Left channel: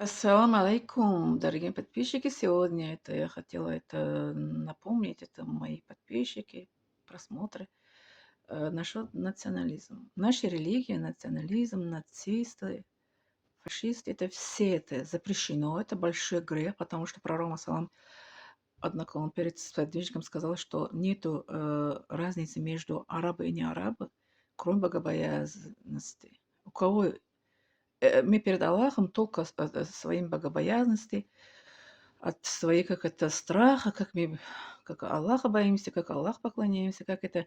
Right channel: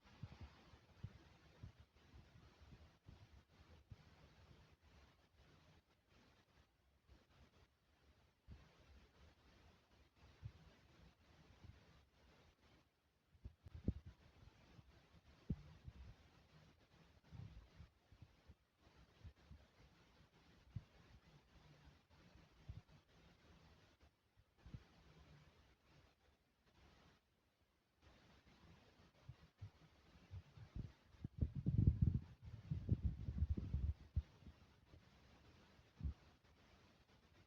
Ассаламу алейкум, дорогие подписчики. Сегодня я хотела напомнить, это мои подписчики, просмотры, насчет национализма. В нашей религии национализм, нацисты, фашисты, это все это запрещено, это большой грех, потому что пророк, салам, однако он перед сподвижником сказал, что нету разницы между арабы и не арабы, кроме богобоязненности. У кого мы перед Аллахом только своим богобоязненности, от своей, как это, страха, как мы как Аллаха боимся, как Аллах поклоняемся, как это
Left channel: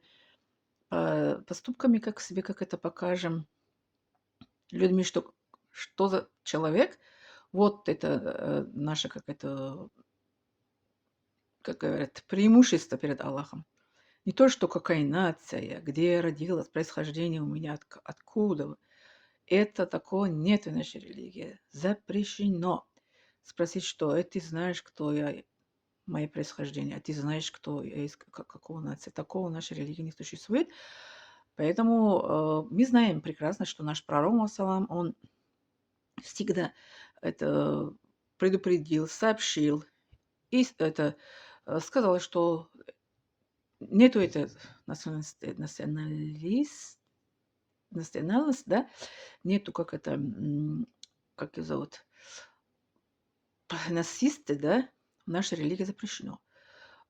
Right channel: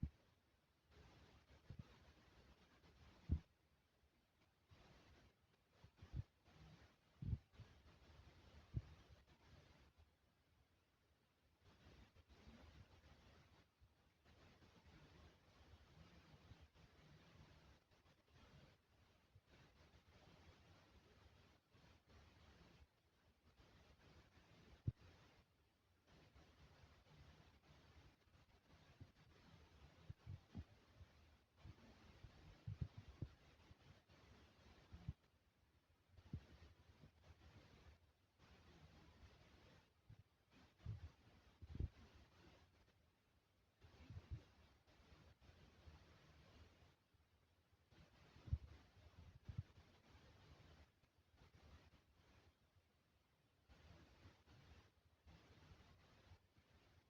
поступками, как себе, как это покажем людьми, что за человек. Вот это наше, как это, как говорят, преимущество перед Аллахом. Не то, что какая нация, где я родилась, происхождение у меня, откуда. Это такого нет в нашей религии. Запрещено спросить, что ты знаешь, кто я, мое происхождение, а ты знаешь, кто я, из какого нации. Такого в нашей религии не существует. Поэтому мы знаем прекрасно, что наш пророк, Муссалам, он всегда это предупредил, сообщил и сказал, что нету это национальность, да, нету как это, как ее зовут, насисты, да, в нашей религии запрещено.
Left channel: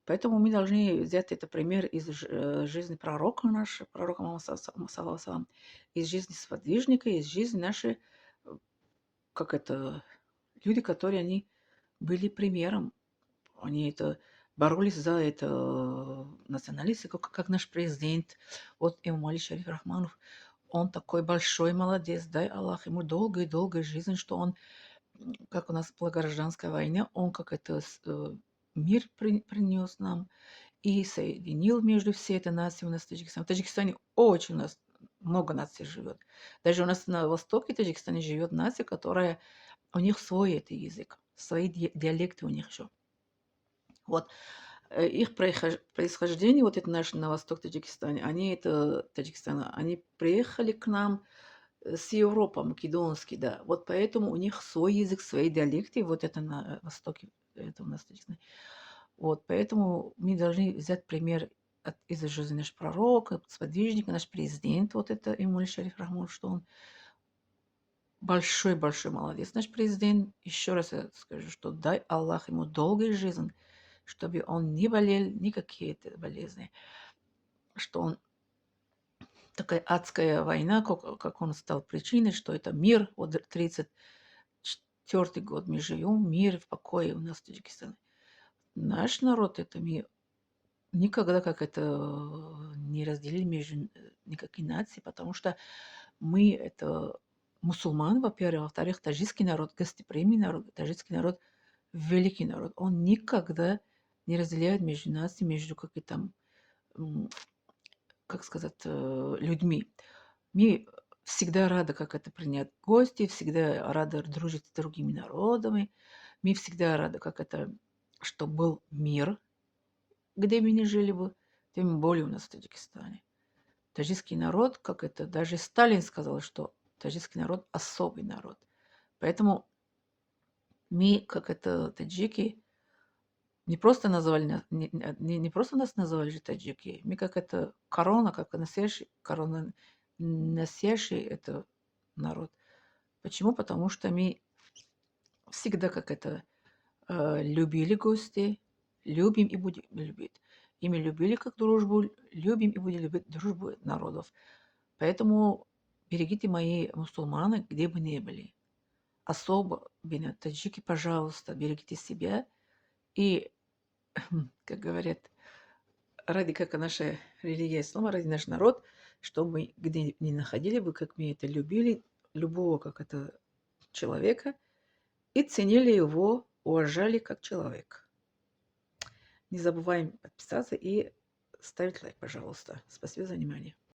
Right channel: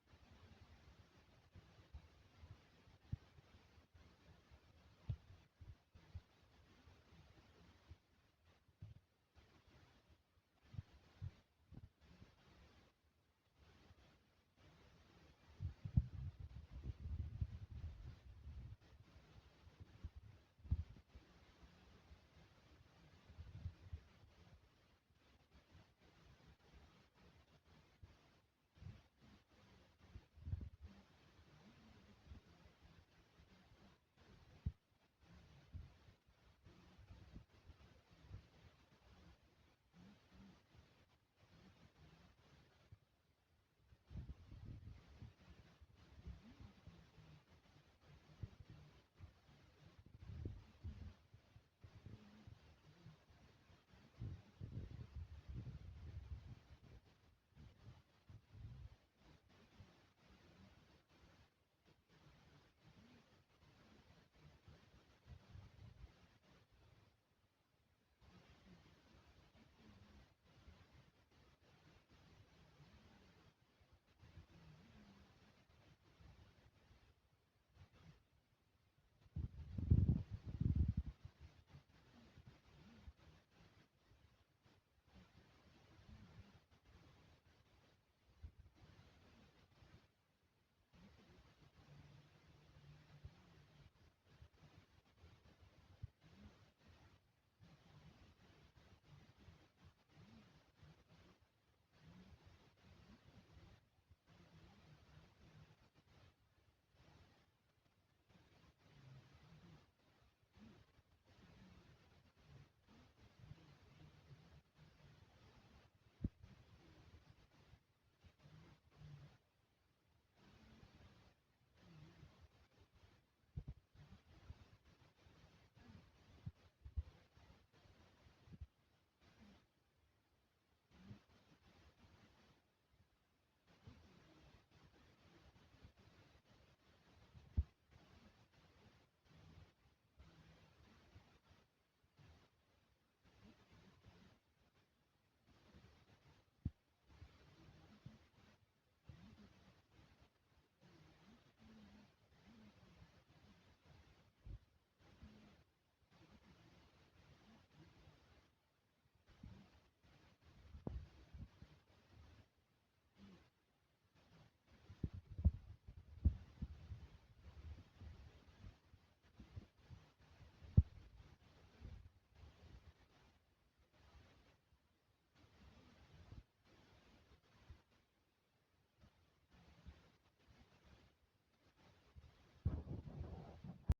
Поэтому мы должны взять это пример из жизни пророка нашего, пророка Мухаммада саллаллаху алейхи, из жизни сподвижника, из жизни нашей, э, как это, люди, которые они были примером. Они это боролись за это националисты, как наш президент, вот имам Али Шариф Рахманов. Он такой большой молодец, дай Аллах ему долгой жизни, что он, как у нас была гражданская война, он как это мир принес нам, и соединил между всей этой нацией у нас в Таджикистане. В Таджикистане очень у нас много наций живет. Даже у нас на востоке Таджикистане живет нация, которая у них свой это язык, свои диалекты у них еще. Вот их происхождение, вот это наш на восток Таджикистане, они приехали к нам с Европы, македонский, да. Вот поэтому у них свой язык, свои диалекты, вот это на востоке, это у нас Таджикистане. Вот, поэтому мы должны взять пример из жизни нашего пророка, сподвижника, наш президент, вот это Эмуль Шариф Рахмон, что он большой молодец. Наш президент, еще раз я скажу, что дай Аллах ему долгой жизни, чтобы он не болел ни какие-то болезни, что он такая адская война, как он стал причиной, что это мир, вот 34-й год мы живем, мир в покое у нас в Таджикистане. Наш народ, это мир, никогда как это не разделили между никакие нации, потому что мы это мусульман, во-первых, во-вторых, таджикский народ, гостеприимный народ, таджикский народ великий народ. Он никогда не разделяет между нациями, между какими там, как сказать, людьми. Мы всегда рады, как это принять гости, всегда рады дружить с другими народами. Мы всегда рады, как это, что был мир, где мы не жили бы, тем более у нас в Таджикистане. Таджикский народ, как это, даже Сталин сказал, что таджикский народ особый народ. Поэтому мы, как это, таджики, не просто назвали, не просто нас называли же таджики, мы как это корона, как носящий, корона носящий это народ. Почему? Потому что мы всегда как это любили гостей, любим и будем любить. И мы любили как дружбу, любим и будем любить дружбу народов. Поэтому берегите мои мусульманы, где бы ни были. Особо, таджики, пожалуйста, берегите себя. И, как говорят, ради как наша религия ислама, ради наш народ, чтобы мы где ни находили бы, как мы это любили, любого как это человека, и ценили его, уважали как человека. Не забываем подписаться и ставить лайк, пожалуйста. Спасибо за внимание.